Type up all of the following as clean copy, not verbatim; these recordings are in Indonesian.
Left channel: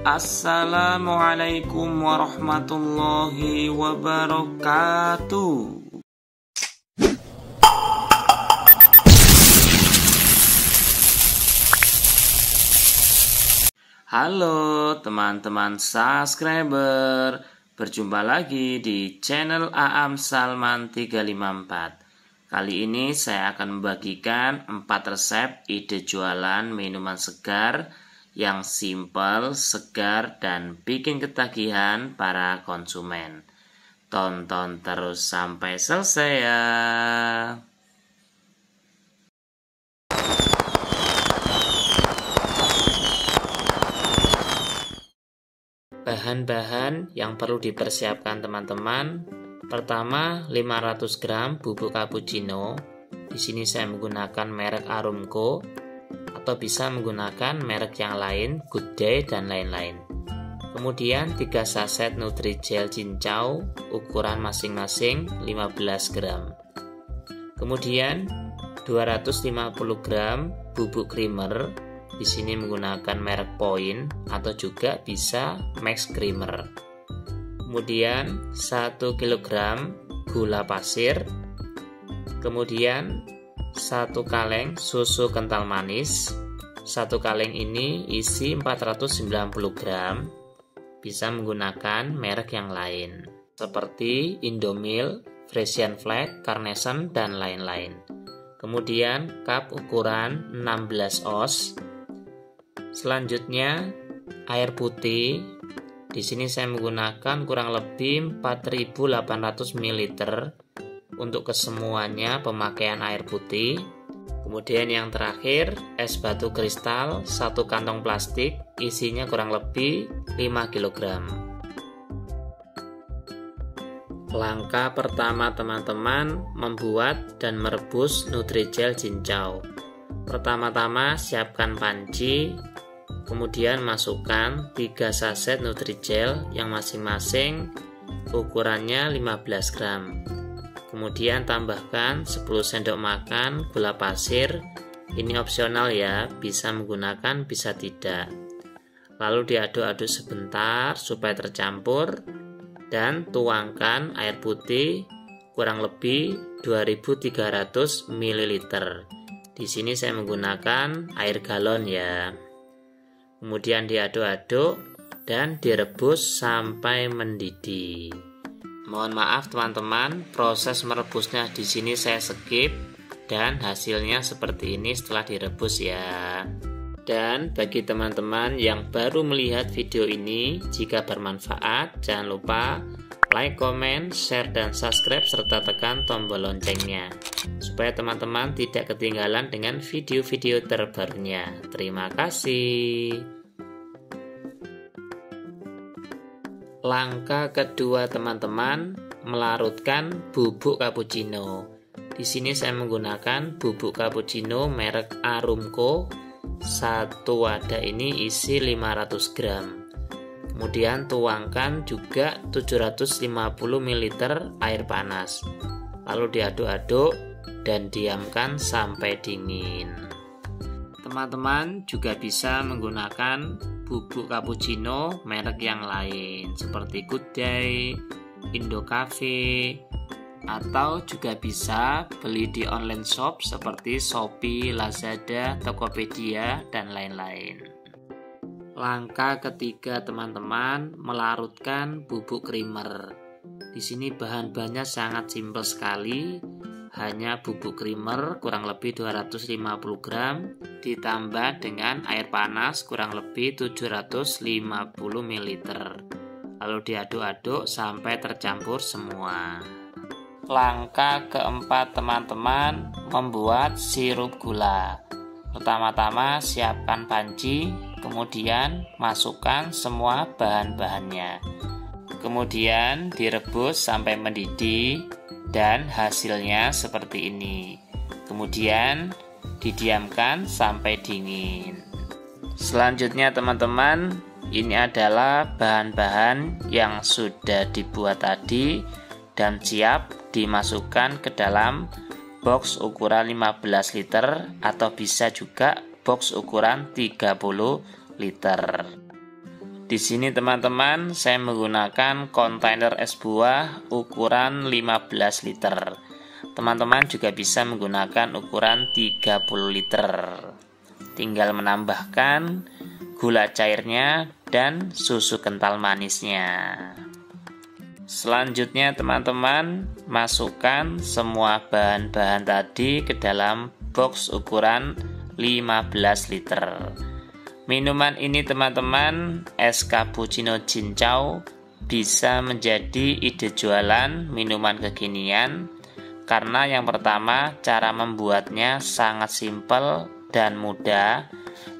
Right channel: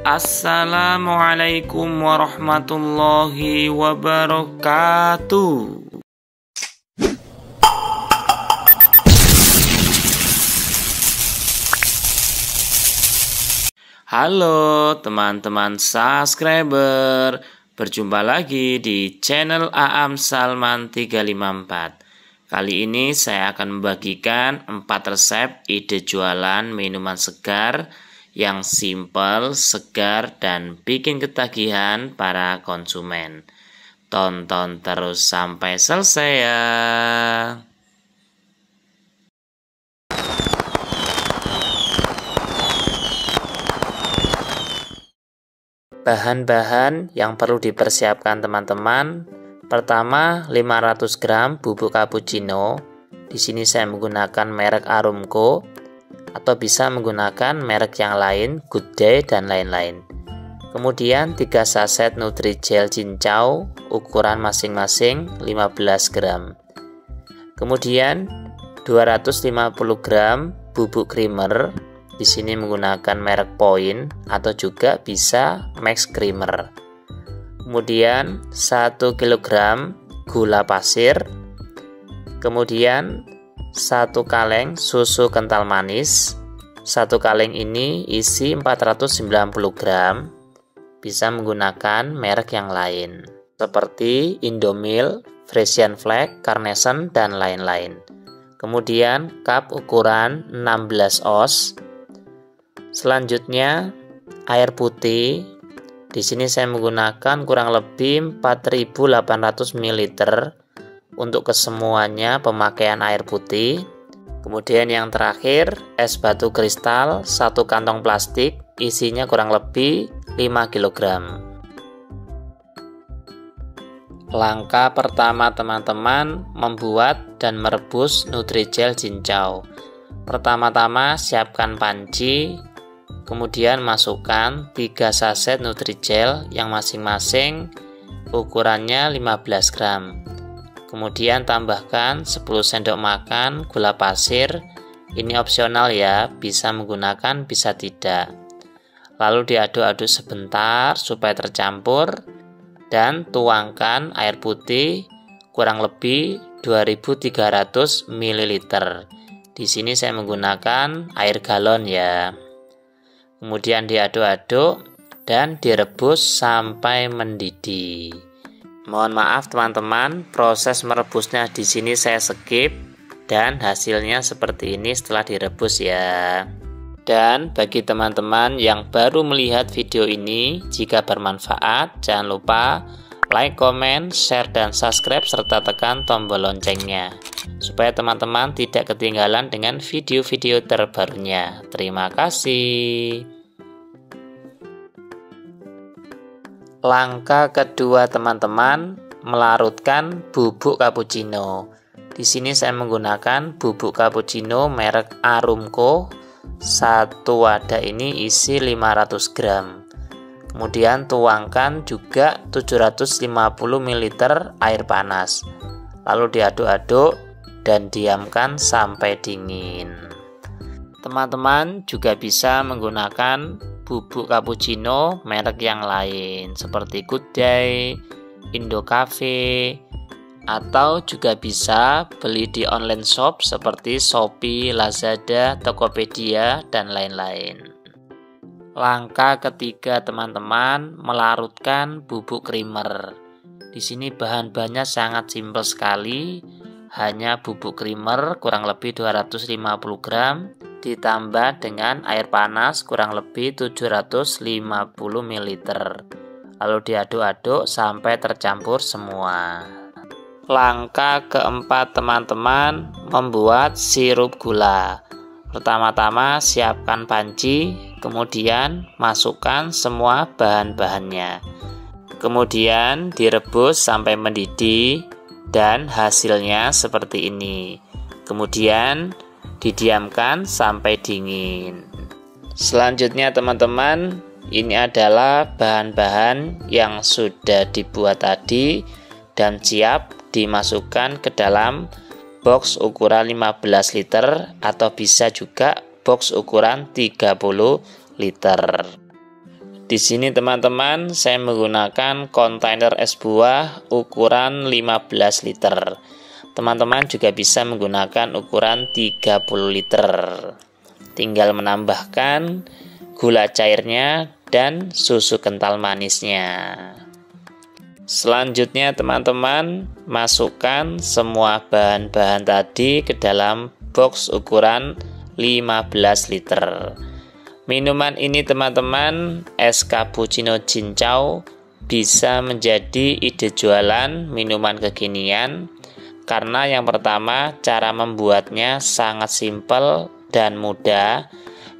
Assalamualaikum warahmatullahi wabarakatuh. Halo teman-teman subscriber, berjumpa lagi di channel Aam Salman 354. Kali ini saya akan membagikan 4 resep ide jualan minuman segar yang simple, segar, dan bikin ketagihan para konsumen. Tonton terus sampai selesai ya. Bahan-bahan yang perlu dipersiapkan teman-teman. Pertama, 500 gram bubuk cappuccino. Di sini saya menggunakan merek Arumco atau bisa menggunakan merek yang lain, Good Day dan lain-lain. Kemudian 3 saset Nutrijel cincau ukuran masing-masing 15 gram. Kemudian 250 gram bubuk creamer. Di sini menggunakan merek Point atau juga bisa Max Creamer. Kemudian 1 kg gula pasir. Kemudian 1 kaleng susu kental manis. 1 kaleng ini isi 490 gram. Bisa menggunakan merek yang lain seperti Indomilk, Frisian Flag, Carnation, dan lain-lain. Kemudian cup ukuran 16 oz. Selanjutnya air putih. Di sini saya menggunakan kurang lebih 4.800 ml untuk kesemuanya pemakaian air putih. Kemudian yang terakhir es batu kristal 1 kantong plastik, isinya kurang lebih 5 kg. Langkah pertama teman-teman, membuat dan merebus Nutrijel cincau. Pertama-tama siapkan panci. Kemudian masukkan 3 saset Nutrijel yang masing-masing ukurannya 15 gram. Kemudian tambahkan 10 sendok makan gula pasir. Ini opsional ya, bisa menggunakan bisa tidak. Lalu diaduk-aduk sebentar supaya tercampur dan tuangkan air putih kurang lebih 2300 ml. Di sini saya menggunakan air galon ya. Kemudian diaduk-aduk dan direbus sampai mendidih. Mohon maaf teman-teman, proses merebusnya di sini saya skip dan hasilnya seperti ini setelah direbus ya. Dan bagi teman-teman yang baru melihat video ini, jika bermanfaat jangan lupa like, comment, share, dan subscribe serta tekan tombol loncengnya supaya teman-teman tidak ketinggalan dengan video-video terbarunya. Terima kasih. Langkah kedua teman-teman, melarutkan bubuk cappuccino. Di sini saya menggunakan bubuk cappuccino merek Arumco. 1 wadah ini isi 500 gram. Kemudian tuangkan juga 750 ml air panas. Lalu diaduk-aduk dan diamkan sampai dingin. Teman-teman juga bisa menggunakan bubuk cappuccino merek yang lain seperti Good Day, Indo Cafe, atau juga bisa beli di online shop seperti Shopee, Lazada, Tokopedia, dan lain-lain. Langkah ketiga teman-teman, melarutkan bubuk creamer. Di sini bahan-bahannya sangat simpel sekali, hanya bubuk creamer kurang lebih 250 gram ditambah dengan air panas kurang lebih 750 ml. Lalu diaduk-aduk sampai tercampur semua. Langkah keempat teman-teman, membuat sirup gula. Pertama-tama siapkan panci, kemudian masukkan semua bahan-bahannya. Kemudian direbus sampai mendidih dan hasilnya seperti ini. Kemudian didiamkan sampai dingin. Selanjutnya teman-teman, ini adalah bahan-bahan yang sudah dibuat tadi dan siap dimasukkan ke dalam box ukuran 15 liter atau bisa juga box ukuran 30 liter. Di sini teman-teman saya menggunakan kontainer es buah ukuran 15 liter. Teman-teman juga bisa menggunakan ukuran 30 liter. Tinggal menambahkan gula cairnya dan susu kental manisnya. Selanjutnya teman-teman masukkan semua bahan-bahan tadi ke dalam box ukuran 15 liter. Minuman ini teman-teman, es cappuccino cincau, bisa menjadi ide jualan minuman kekinian karena yang pertama cara membuatnya sangat simpel dan mudah.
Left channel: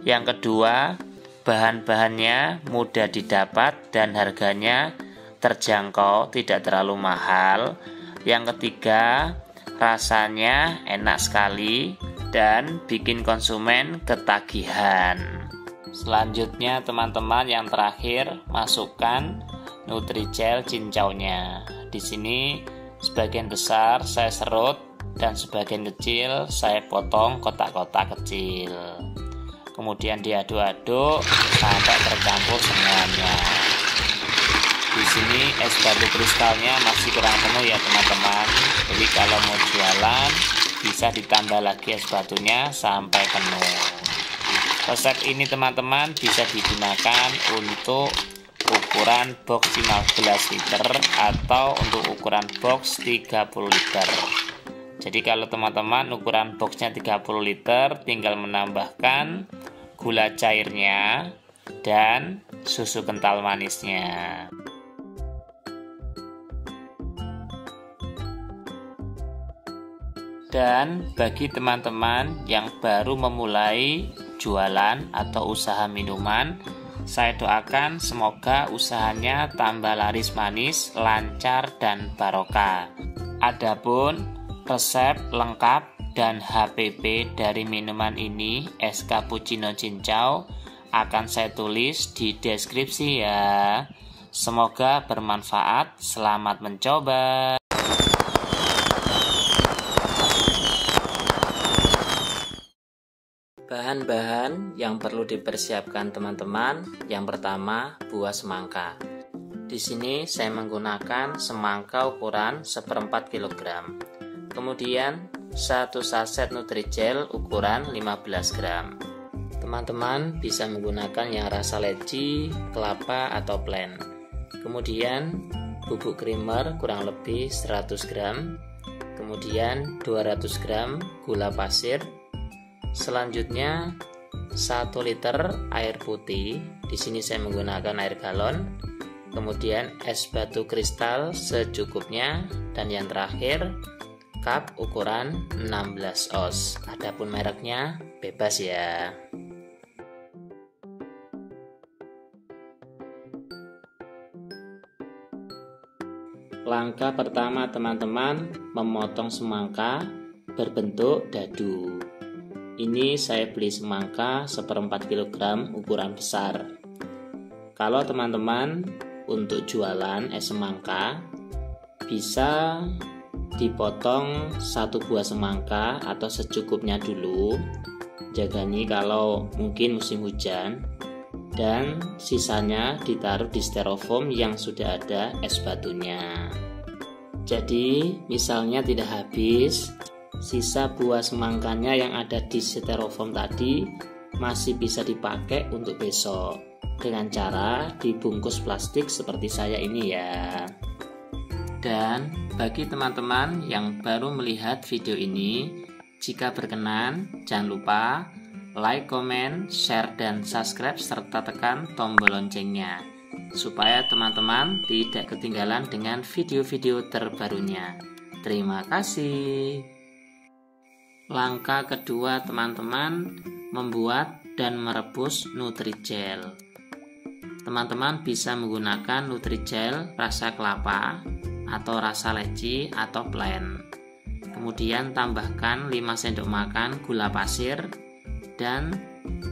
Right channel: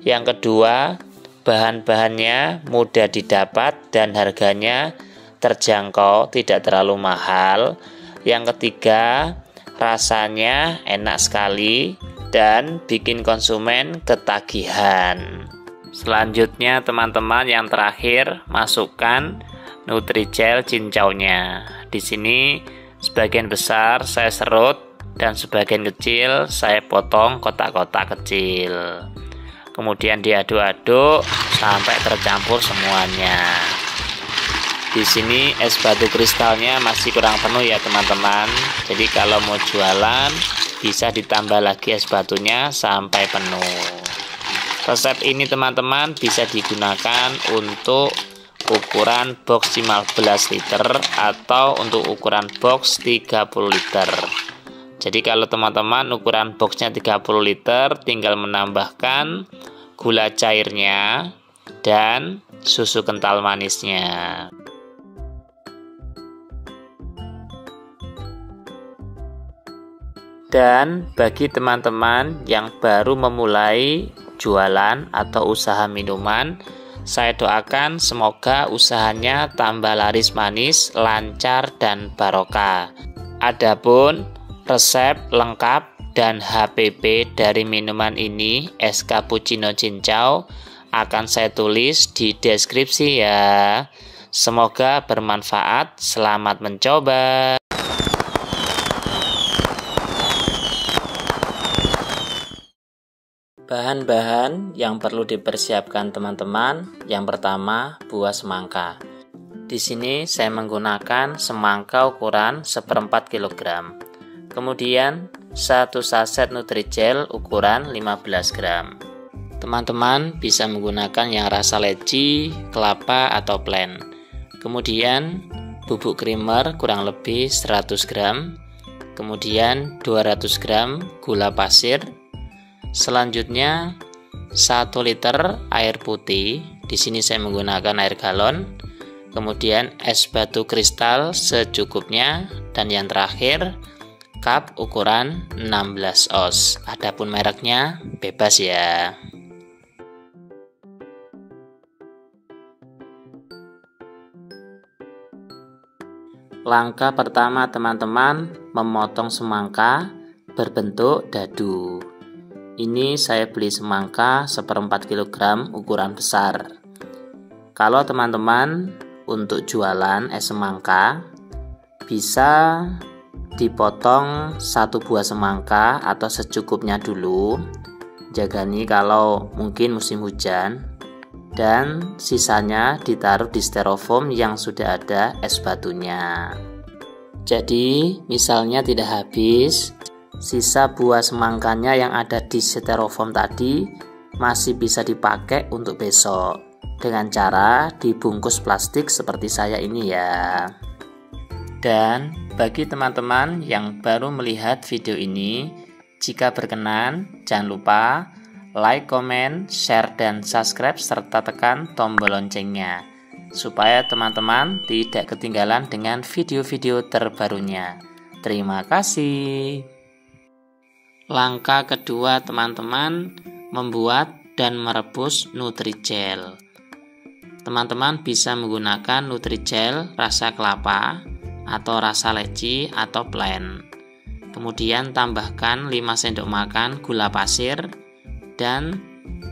Yang kedua, bahan-bahannya mudah didapat dan harganya terjangkau, tidak terlalu mahal. Yang ketiga, rasanya enak sekali dan bikin konsumen ketagihan. Selanjutnya teman-teman, yang terakhir masukkan Nutrijel cincaunya. Di sini sebagian besar saya serut dan sebagian kecil saya potong kotak-kotak kecil. Kemudian diaduk-aduk sampai tercampur semuanya. Di sini es batu kristalnya masih kurang penuh ya teman-teman. Jadi kalau mau jualan bisa ditambah lagi es batunya sampai penuh. Resep ini teman-teman bisa digunakan untuk ukuran box 15 liter atau untuk ukuran box 30 liter. Jadi kalau teman-teman ukuran boxnya 30 liter, tinggal menambahkan gula cairnya dan susu kental manisnya. Dan bagi teman-teman yang baru memulai jualan atau usaha minuman, saya doakan semoga usahanya tambah laris manis, lancar, dan barokah. Adapun resep lengkap dan HPP dari minuman ini, es cappuccino cincau, akan saya tulis di deskripsi ya. Semoga bermanfaat. Selamat mencoba. Bahan-bahan yang perlu dipersiapkan teman-teman. Yang pertama, buah semangka. Di sini saya menggunakan semangka ukuran 1/4 kg. Kemudian 1 saset Nutrijel ukuran 15 gram. Teman-teman bisa menggunakan yang rasa leci, kelapa, atau plain. Kemudian bubuk creamer kurang lebih 100 gram. Kemudian 200 gram gula pasir. Selanjutnya 1 liter air putih. Di sini saya menggunakan air galon. Kemudian es batu kristal secukupnya, dan yang terakhir cup ukuran 16 oz. Adapun mereknya bebas ya. Langkah pertama teman-teman, memotong semangka berbentuk dadu. Ini saya beli semangka 1/4 kg ukuran besar. Kalau teman-teman untuk jualan es semangka, bisa dipotong 1 buah semangka atau secukupnya dulu. Jaga nih kalau mungkin musim hujan. Dan sisanya ditaruh di styrofoam yang sudah ada es batunya. Jadi misalnya tidak habis, sisa buah semangkanya yang ada di styrofoam tadi masih bisa dipakai untuk besok dengan cara dibungkus plastik seperti saya ini ya. Dan bagi teman-teman yang baru melihat video ini, jika berkenan jangan lupa like, comment, share, dan subscribe serta tekan tombol loncengnya supaya teman-teman tidak ketinggalan dengan video-video terbarunya. Terima kasih. Langkah kedua teman-teman, membuat dan merebus Nutrijel. Teman-teman bisa menggunakan Nutrijel rasa kelapa atau rasa leci atau plain. Kemudian tambahkan 5 sendok makan gula pasir dan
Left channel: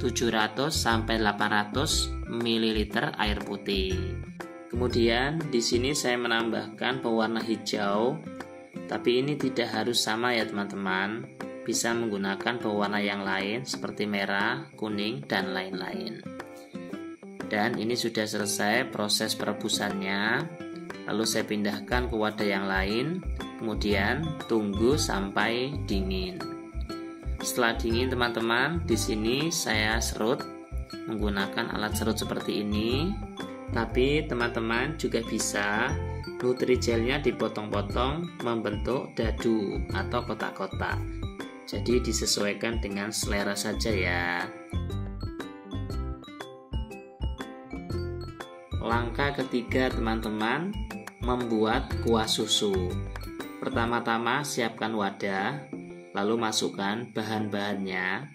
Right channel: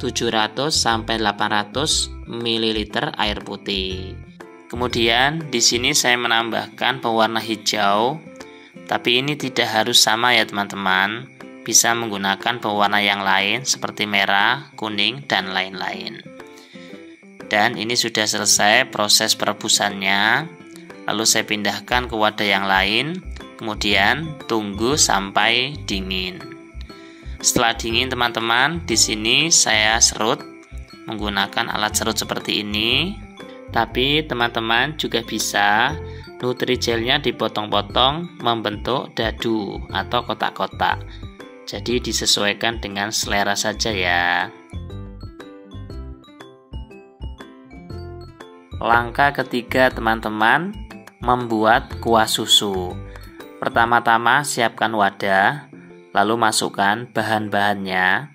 700 sampai 800 ml air putih. Kemudian di sini saya menambahkan pewarna hijau, tapi ini tidak harus sama ya teman-teman. Bisa menggunakan pewarna yang lain seperti merah, kuning, dan lain-lain. Dan ini sudah selesai proses perebusannya. Lalu saya pindahkan ke wadah yang lain, kemudian tunggu sampai dingin. Setelah dingin teman-teman, di sini saya serut menggunakan alat serut seperti ini. Tapi teman-teman juga bisa Nutrigelnya dipotong-potong membentuk dadu atau kotak-kotak. Jadi disesuaikan dengan selera saja ya. Langkah ketiga teman-teman, membuat kuah susu. Pertama-tama siapkan wadah, lalu masukkan bahan-bahannya.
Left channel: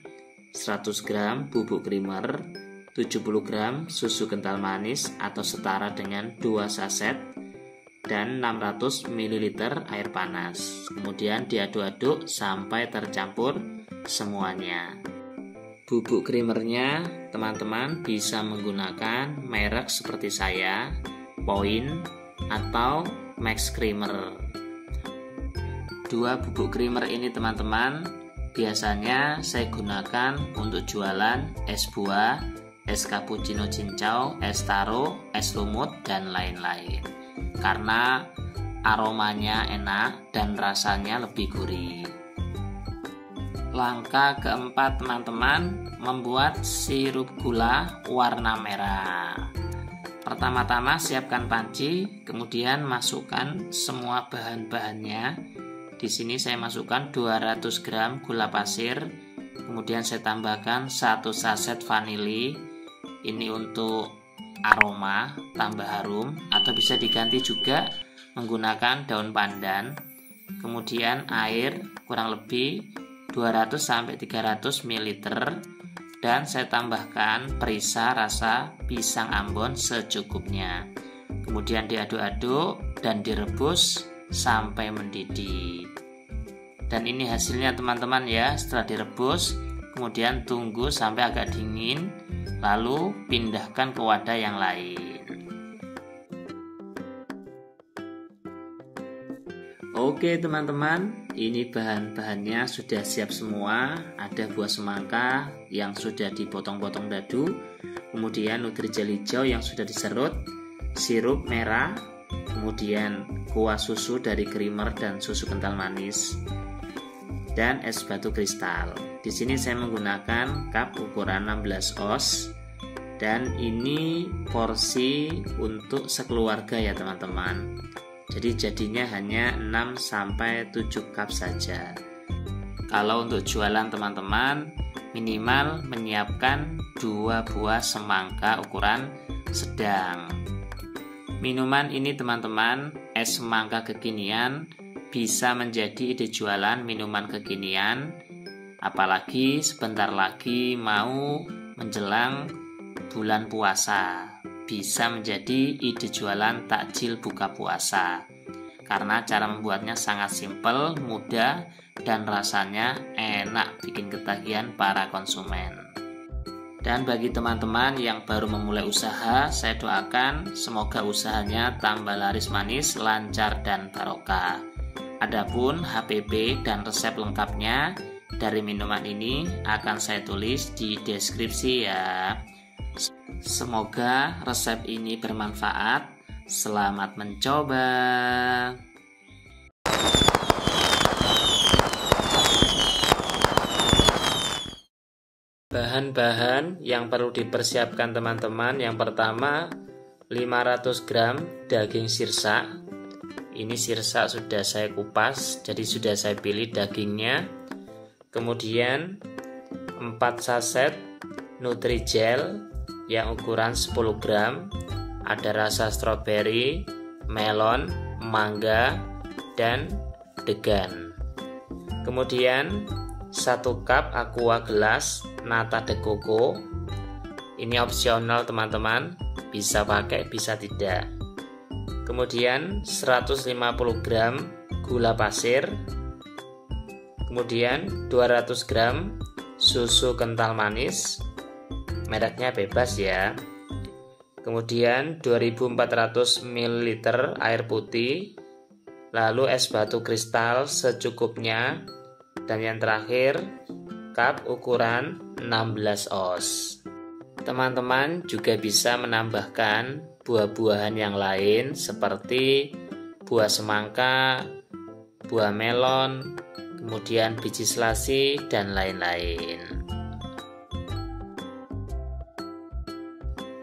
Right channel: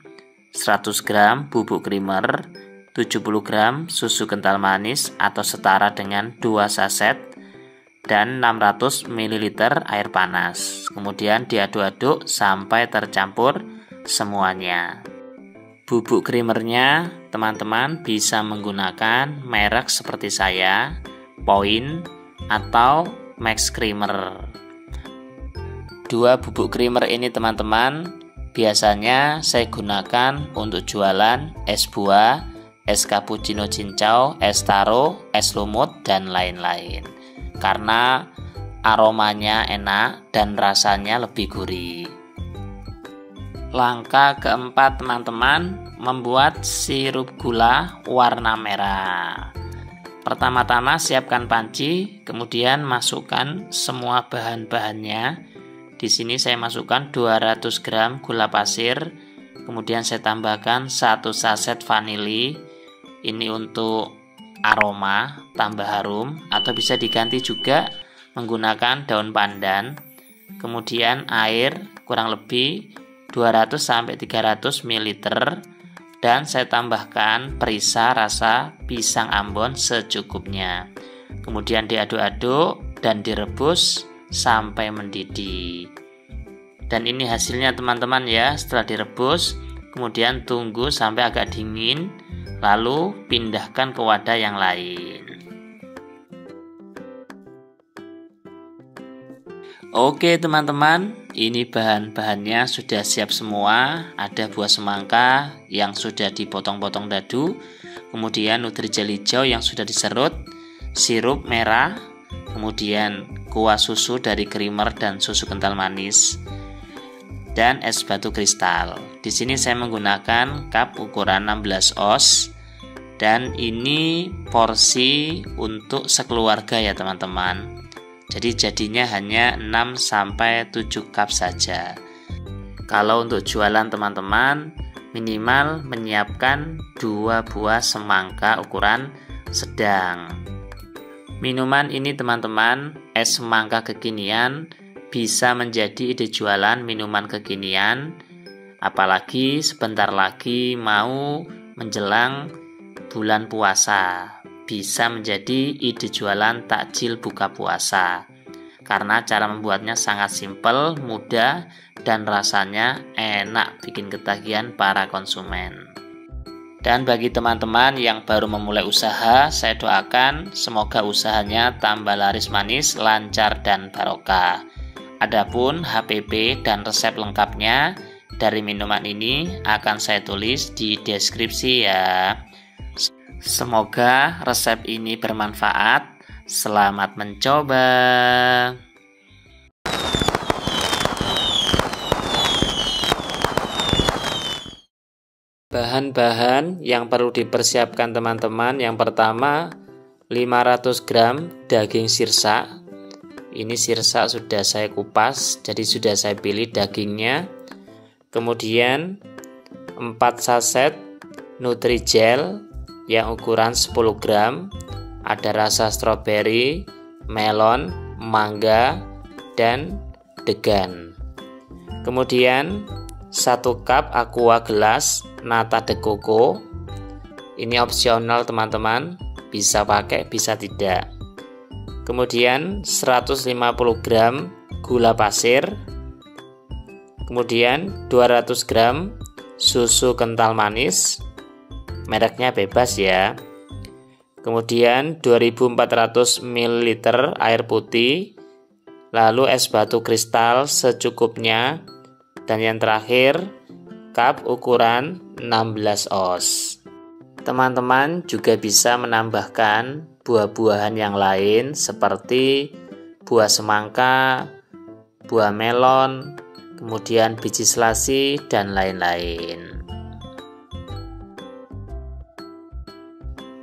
100 gram bubuk creamer, 70 gram susu kental manis atau setara dengan 2 saset, dan 600 ml air panas. Kemudian diaduk-aduk sampai tercampur semuanya. Bubuk creamernya teman-teman bisa menggunakan merek seperti saya, Point atau Max Creamer. 2 bubuk creamer ini teman-teman biasanya saya gunakan untuk jualan es buah, es cappuccino cincau, es taro, es lumut, dan lain-lain. Karena aromanya enak dan rasanya lebih gurih. Langkah keempat teman-teman, membuat sirup gula warna merah. Pertama-tama siapkan panci, kemudian masukkan semua bahan-bahannya. Di sini saya masukkan 200 gram gula pasir, kemudian saya tambahkan 1 saset vanili. Ini untuk aroma, tambah harum, atau bisa diganti juga menggunakan daun pandan. Kemudian air kurang lebih 200-300 ml, dan saya tambahkan perisa rasa pisang Ambon secukupnya. Kemudian diaduk-aduk dan direbus sampai mendidih. Dan ini hasilnya teman-teman ya. Setelah direbus, kemudian tunggu sampai agak dingin, lalu pindahkan ke wadah yang lain. Oke teman-teman, ini bahan-bahannya sudah siap semua. Ada buah semangka yang sudah dipotong-potong dadu, kemudian Nutrigel hijau yang sudah diserut, sirup merah, kemudian kuah susu dari creamer dan susu kental manis, dan es batu kristal. Di sini saya menggunakan cup ukuran 16 oz, dan ini porsi untuk sekeluarga ya teman-teman. Jadi jadinya hanya 6-7 cup saja. Kalau untuk jualan teman-teman, minimal menyiapkan 2 buah semangka ukuran sedang. Minuman ini teman-teman, es semangka kekinian, bisa menjadi ide jualan minuman kekinian. Apalagi sebentar lagi mau menjelang bulan puasa, bisa menjadi ide jualan takjil buka puasa. Karena cara membuatnya sangat simpel, mudah, dan rasanya enak, bikin ketagihan para konsumen. Dan bagi teman-teman yang baru memulai usaha, saya doakan semoga usahanya tambah laris manis, lancar, dan barokah. Adapun HPP dan resep lengkapnya dari minuman ini akan saya tulis di deskripsi ya. Semoga resep ini bermanfaat. Selamat mencoba. Bahan-bahan yang perlu dipersiapkan teman-teman. Yang pertama 500 gram daging sirsak. Ini sirsak sudah saya kupas, jadi sudah saya pilih dagingnya. Kemudian 4 saset Nutrigel yang ukuran 10 gram, ada rasa stroberi, melon, mangga, dan degan. Kemudian 1 cup aqua gelas nata de coco. Ini opsional teman-teman, bisa pakai bisa tidak. Kemudian 150 gram gula pasir. Kemudian 200 gram susu kental manis, mereknya bebas ya. Kemudian 2400 ml air putih, lalu es batu kristal secukupnya, dan yang terakhir cup ukuran 16 oz. Teman-teman juga bisa menambahkan buah-buahan yang lain seperti buah semangka, buah melon, kemudian biji selasi, dan lain-lain.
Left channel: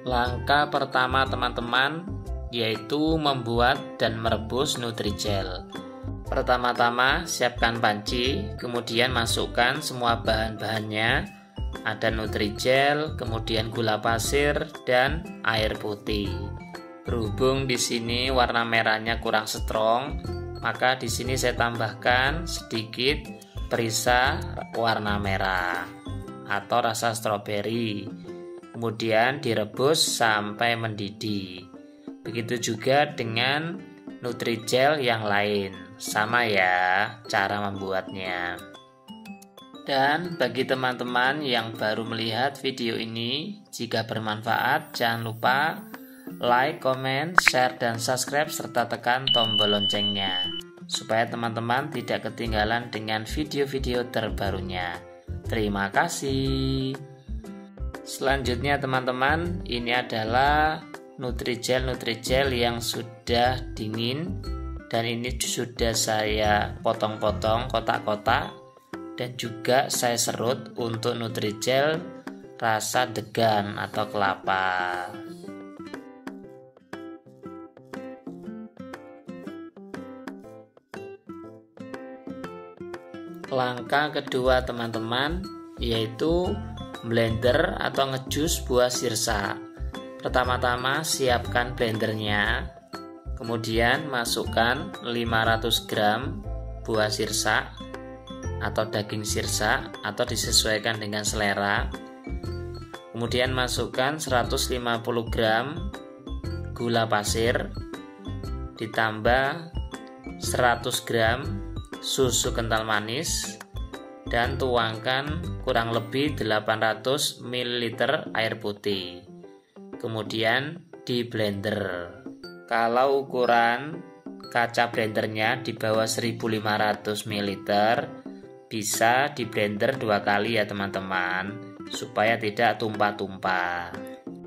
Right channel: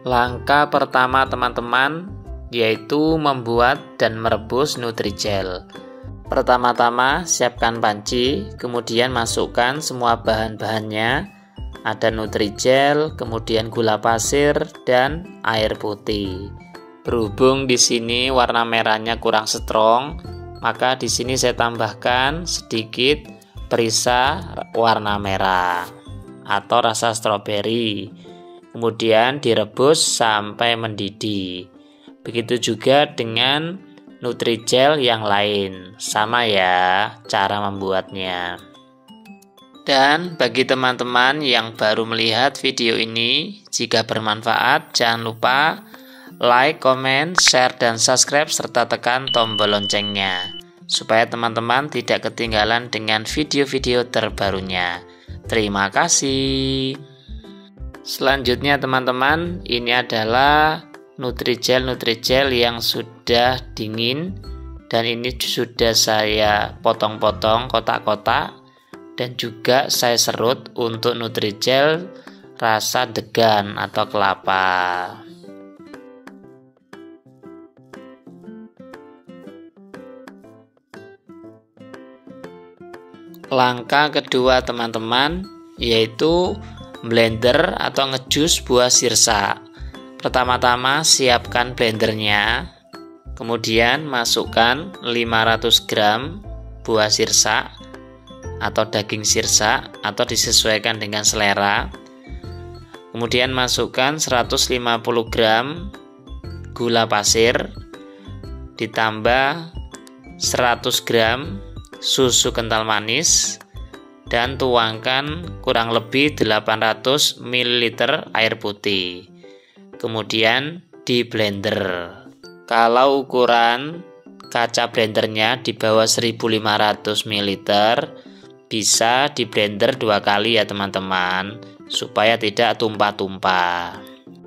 Langkah pertama teman-teman yaitu membuat dan merebus Nutrijel. Pertama-tama siapkan panci, kemudian masukkan semua bahan-bahannya. Ada Nutrijel, kemudian gula pasir dan air putih. Berhubung di sini warna merahnya kurang strong, maka di sini saya tambahkan sedikit perisa warna merah atau rasa stroberi. Kemudian direbus sampai mendidih. Begitu juga dengan Nutrijel yang lain. Sama ya cara membuatnya. Dan bagi teman-teman yang baru melihat video ini, jika bermanfaat jangan lupa like, comment, share, dan subscribe serta tekan tombol loncengnya supaya teman-teman tidak ketinggalan dengan video-video terbarunya. Terima kasih. Selanjutnya teman-teman, ini adalah Nutrijel yang sudah dingin dan ini sudah saya potong-potong kotak-kotak. Dan juga saya serut untuk Nutrijel rasa degan atau kelapa. Langkah kedua teman-teman yaitu blender atau ngejus buah sirsa. Pertama-tama siapkan blendernya, kemudian masukkan 500 gram buah sirsa atau daging sirsa atau disesuaikan dengan selera. Kemudian masukkan 150 gram gula pasir ditambah 100 gram susu kental manis dan tuangkan kurang lebih 800 ml air putih. Kemudian di blender. Kalau ukuran kaca blendernya di bawah 1500 ml, bisa di blender 2 kali ya teman-teman, supaya tidak tumpah-tumpah.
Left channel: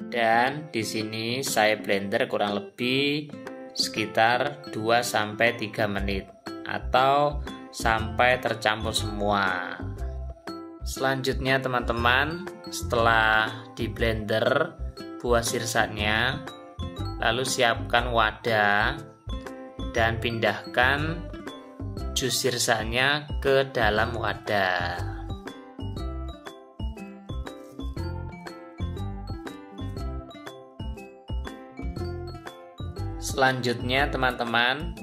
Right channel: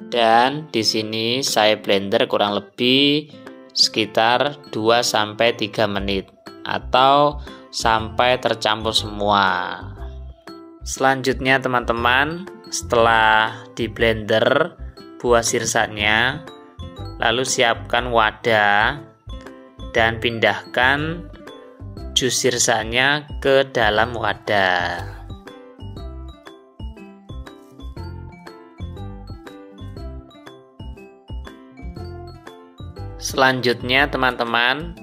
Dan di sini saya blender kurang lebih sekitar 2-3 menit atau sampai tercampur semua. Selanjutnya teman-teman, setelah di blender buah sirsanya, lalu siapkan wadah dan pindahkan jus sirsanya ke dalam wadah. Selanjutnya teman-teman,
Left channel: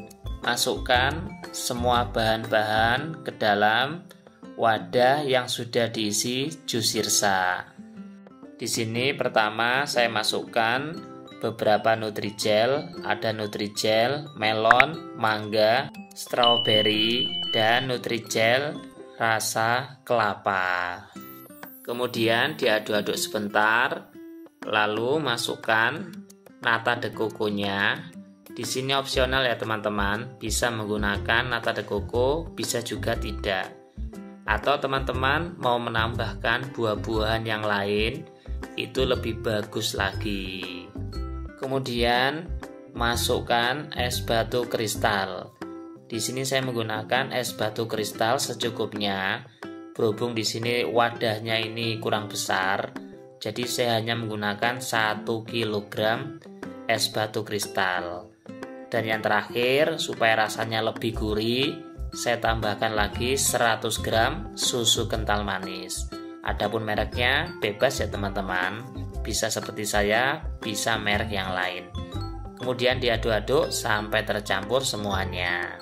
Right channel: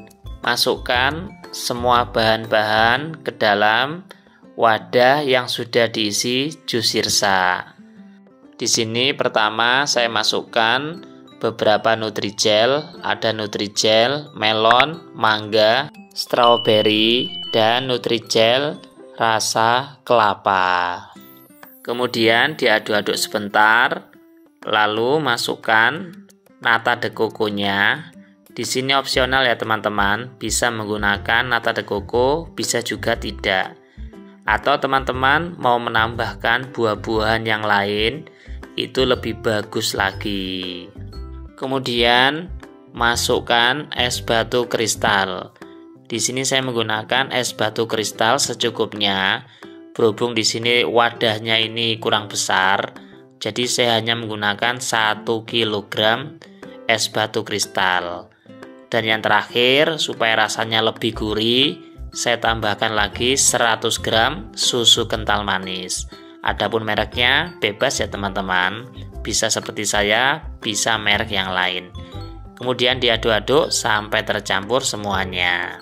masukkan semua bahan-bahan ke dalam wadah yang sudah diisi jus sirsa. Di sini pertama saya masukkan beberapa Nutrijel, ada Nutrijel melon, mangga, strawberry, dan Nutrijel rasa kelapa. Kemudian diaduk-aduk sebentar, lalu masukkan nata de coco-nya. Di sini opsional ya teman-teman, bisa menggunakan nata de coco, bisa juga tidak. Atau teman-teman mau menambahkan buah-buahan yang lain, itu lebih bagus lagi. Kemudian masukkan es batu kristal. Di sini saya menggunakan es batu kristal secukupnya. Berhubung di sini wadahnya ini kurang besar, jadi saya hanya menggunakan 1 kg es batu kristal. Dan yang terakhir, supaya rasanya lebih gurih, saya tambahkan lagi 100 gram susu kental manis. Adapun mereknya bebas ya teman-teman, bisa seperti saya, bisa merek yang lain. Kemudian diaduk-aduk sampai tercampur semuanya.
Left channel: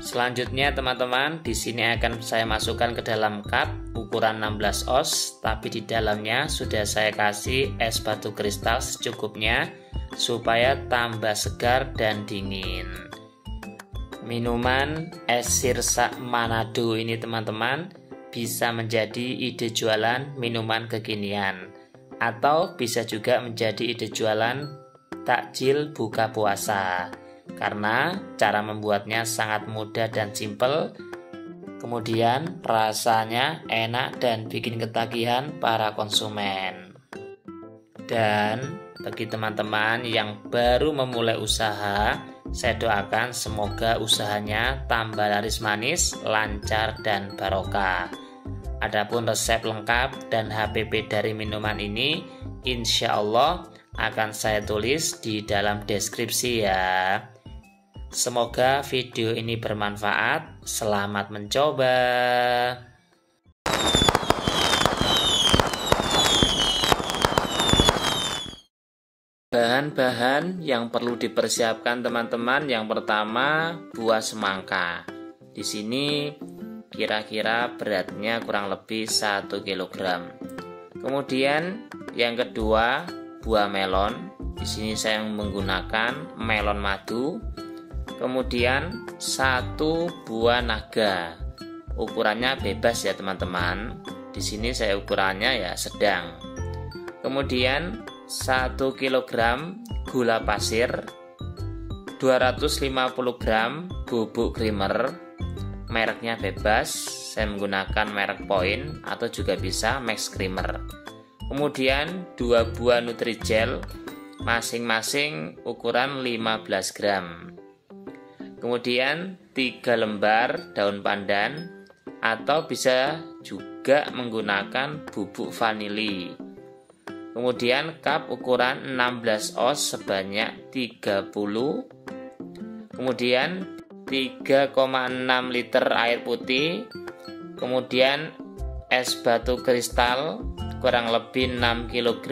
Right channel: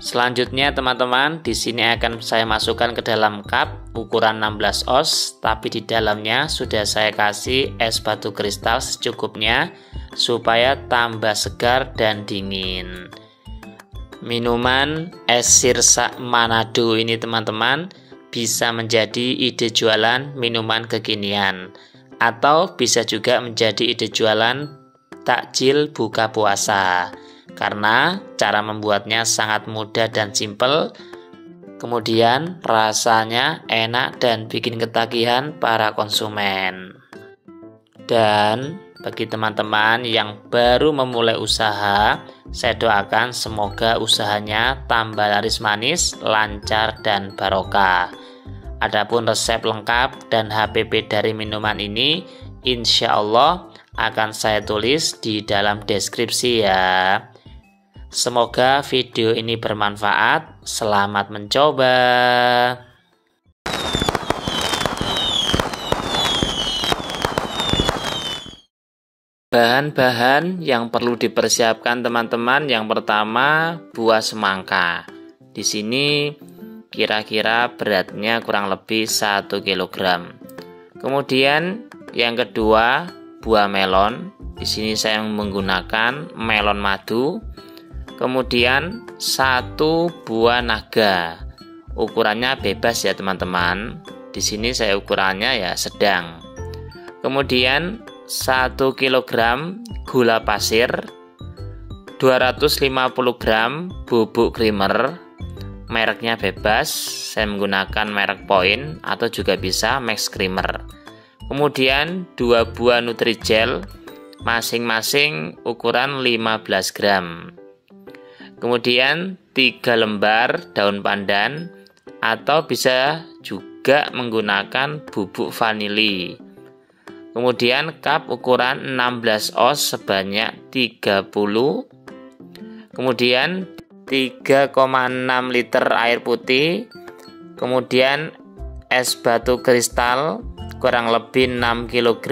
Selanjutnya teman-teman, di sini akan saya masukkan ke dalam cup ukuran 16 oz, tapi di dalamnya sudah saya kasih es batu kristal secukupnya supaya tambah segar dan dingin. Minuman es sirsa Manado ini teman-teman bisa menjadi ide jualan minuman kekinian, atau bisa juga menjadi ide jualan takjil buka puasa, karena cara membuatnya sangat mudah dan simpel. Kemudian rasanya enak dan bikin ketagihan para konsumen. Dan bagi teman-teman yang baru memulai usaha, saya doakan semoga usahanya tambah laris manis, lancar, dan barokah. Adapun resep lengkap dan HPP dari minuman ini, insya Allah akan saya tulis di dalam deskripsi ya. Semoga video ini bermanfaat. Selamat mencoba. Bahan-bahan yang perlu dipersiapkan teman-teman, yang pertama buah semangka. Di sini kira-kira beratnya kurang lebih 1 kg. Kemudian yang kedua buah melon. Di sini saya menggunakan melon madu. Kemudian 1 buah naga. Ukurannya bebas ya teman-teman. Di sini saya ukurannya ya sedang. Kemudian 1 kg gula pasir, 250 gram bubuk creamer, mereknya bebas, saya menggunakan merek Point atau juga bisa Max Creamer. Kemudian 2 buah Nutrijel, masing-masing ukuran 15 gram. Kemudian 3 lembar daun pandan atau bisa juga menggunakan bubuk vanili. Kemudian cup ukuran 16 oz sebanyak 30. Kemudian 3,6 liter air putih. Kemudian es batu kristal kurang lebih 6 kg.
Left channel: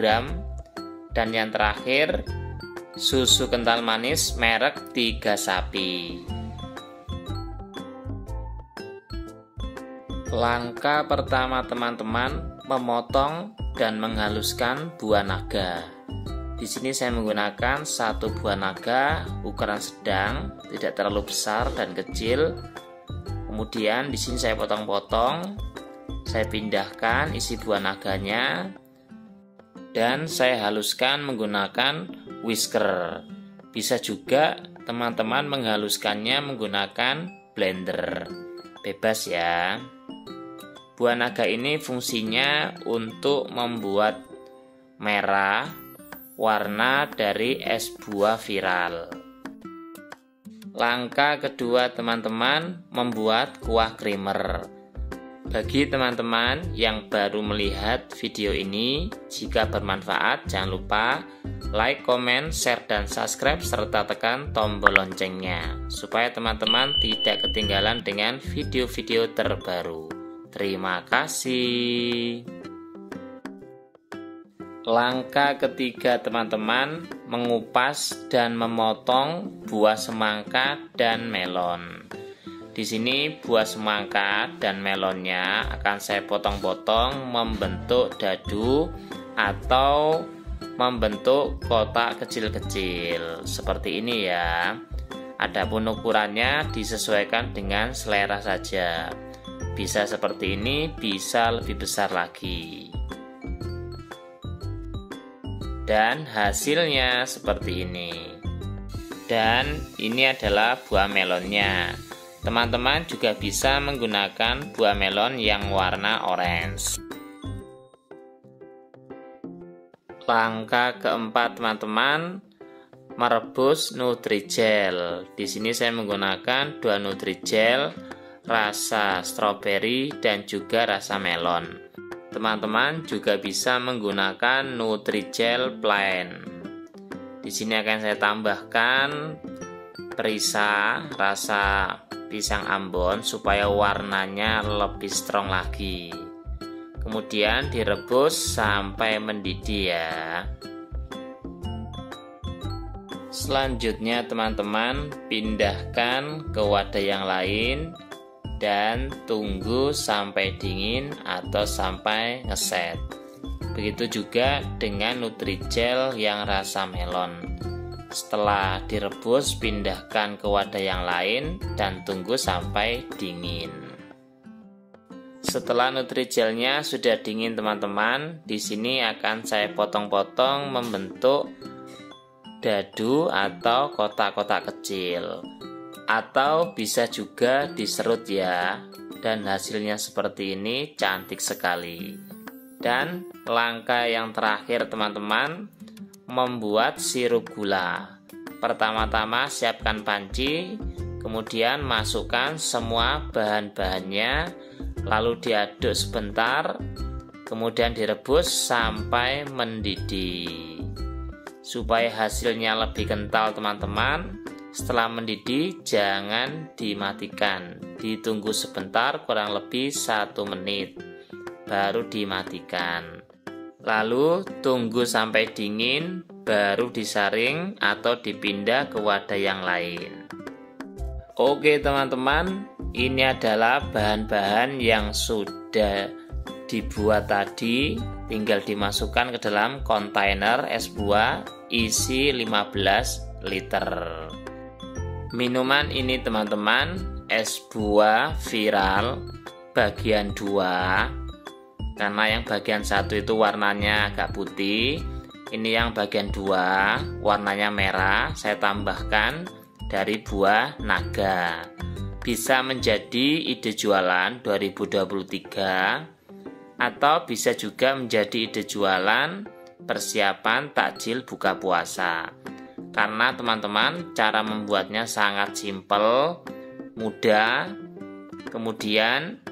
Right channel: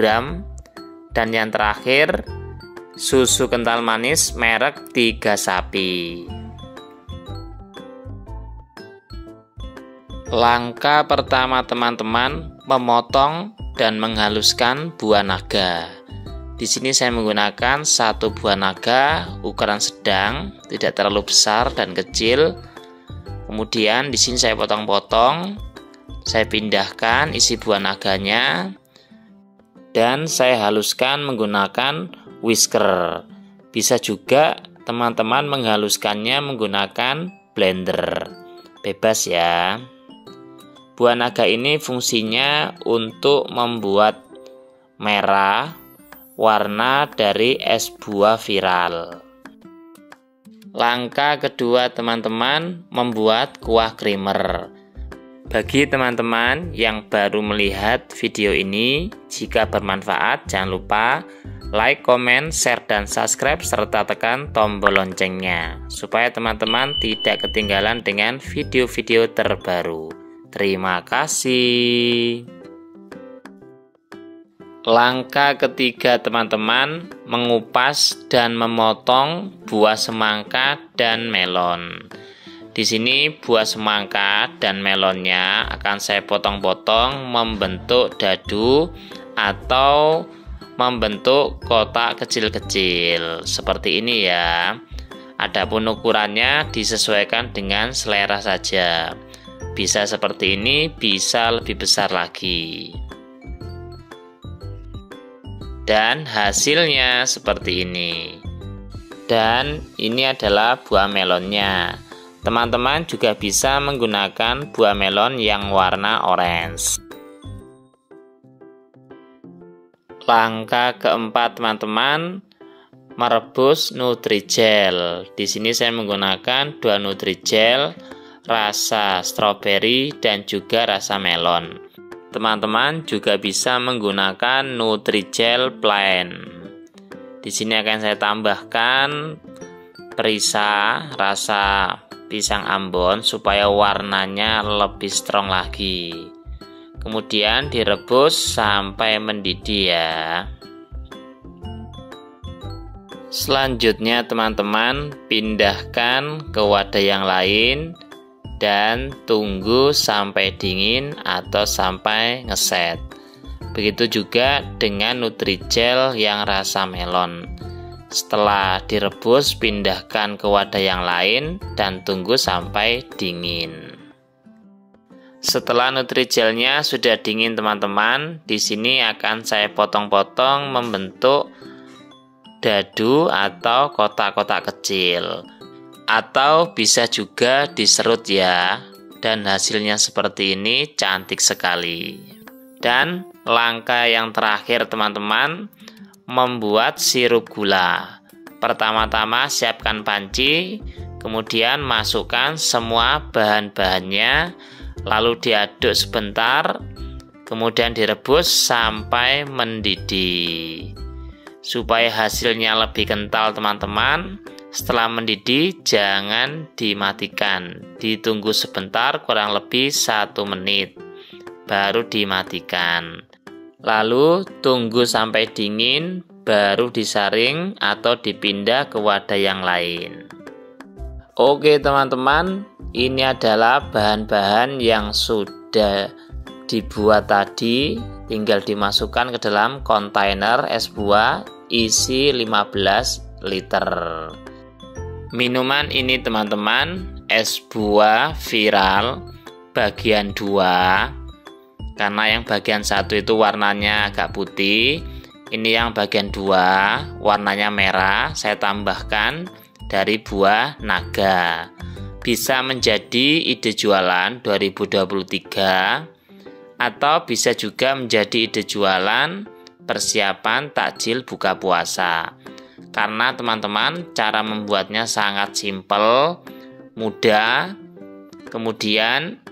Dan yang terakhir susu kental manis merek 3 Sapi. Langkah pertama teman-teman, memotong dan menghaluskan buah naga. Di sini saya menggunakan 1 buah naga ukuran sedang, tidak terlalu besar dan kecil. Kemudian di sini saya potong-potong, saya pindahkan isi buah naganya dan saya haluskan menggunakan whisker. Bisa juga teman-teman menghaluskannya menggunakan blender. Bebas ya. Buah naga ini fungsinya untuk membuat merah warna dari es buah viral. Langkah kedua teman-teman, membuat kuah creamer. Bagi teman-teman yang baru melihat video ini, jika bermanfaat jangan lupa like, comment, share, dan subscribe serta tekan tombol loncengnya supaya teman-teman tidak ketinggalan dengan video-video terbaru. Terima kasih. Langkah ketiga teman-teman, mengupas dan memotong buah semangka dan melon. Di sini buah semangka dan melonnya akan saya potong-potong membentuk dadu atau membentuk kotak kecil-kecil seperti ini ya. Adapun ukurannya disesuaikan dengan selera saja. Bisa seperti ini, bisa lebih besar lagi. Dan hasilnya seperti ini. Dan ini adalah buah melonnya. Teman-teman juga bisa menggunakan buah melon yang warna orange. Langkah keempat teman-teman, merebus Nutrijel. Di sini saya menggunakan 2 Nutrijel rasa stroberi dan juga rasa melon. Teman-teman juga bisa menggunakan Nutrijel plain. Di sini akan saya tambahkan perisa rasa pisang Ambon supaya warnanya lebih strong lagi. Kemudian direbus sampai mendidih ya. Selanjutnya teman-teman, pindahkan ke wadah yang lain dan tunggu sampai dingin atau sampai ngeset. Begitu juga dengan Nutrijel yang rasa melon. Setelah direbus, pindahkan ke wadah yang lain dan tunggu sampai dingin. Setelah Nutrijelnya sudah dingin teman-teman, di sini akan saya potong-potong membentuk dadu atau kotak-kotak kecil. Atau bisa juga diserut ya. Dan hasilnya seperti ini, cantik sekali. Dan langkah yang terakhir teman-teman, membuat sirup gula. Pertama-tama siapkan panci, kemudian masukkan semua bahan-bahannya, lalu diaduk sebentar, kemudian direbus sampai mendidih. Supaya hasilnya lebih kental teman-teman, setelah mendidih jangan dimatikan, ditunggu sebentar kurang lebih 1 menit baru dimatikan. Lalu tunggu sampai dingin baru disaring atau dipindah ke wadah yang lain. Oke teman-teman, ini adalah bahan-bahan yang sudah dibuat tadi, tinggal dimasukkan ke dalam kontainer es buah isi 15 liter. Minuman ini teman-teman, es buah viral bagian 2. Karena yang bagian 1 itu warnanya agak putih, ini yang bagian 2 warnanya merah, saya tambahkan dari buah naga. Bisa menjadi ide jualan 2023 atau bisa juga menjadi ide jualan persiapan takjil buka puasa. Karena teman-teman cara membuatnya sangat simpel, mudah, kemudian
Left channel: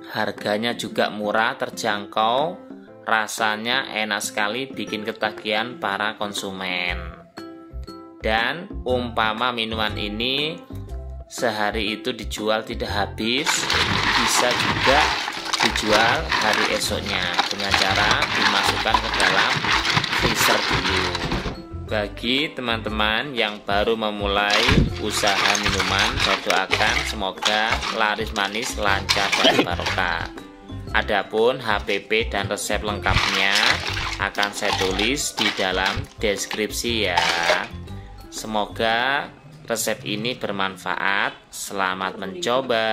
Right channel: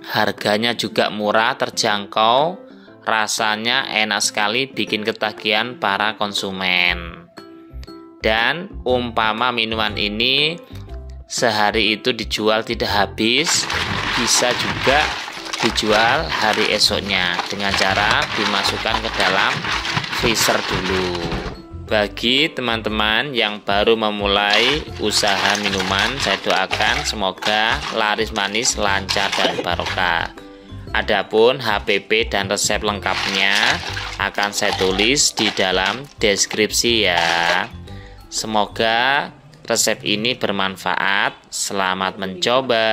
harganya juga murah, terjangkau, rasanya enak sekali, bikin ketagihan para konsumen. Dan umpama minuman ini sehari itu dijual tidak habis, bisa juga dijual hari esoknya dengan cara dimasukkan ke dalam freezer dulu. Bagi teman-teman yang baru memulai usaha minuman, saya doakan semoga laris manis, lancar dan barokah. Adapun HPP dan resep lengkapnya akan saya tulis di dalam deskripsi ya. Semoga resep ini bermanfaat. Selamat mencoba.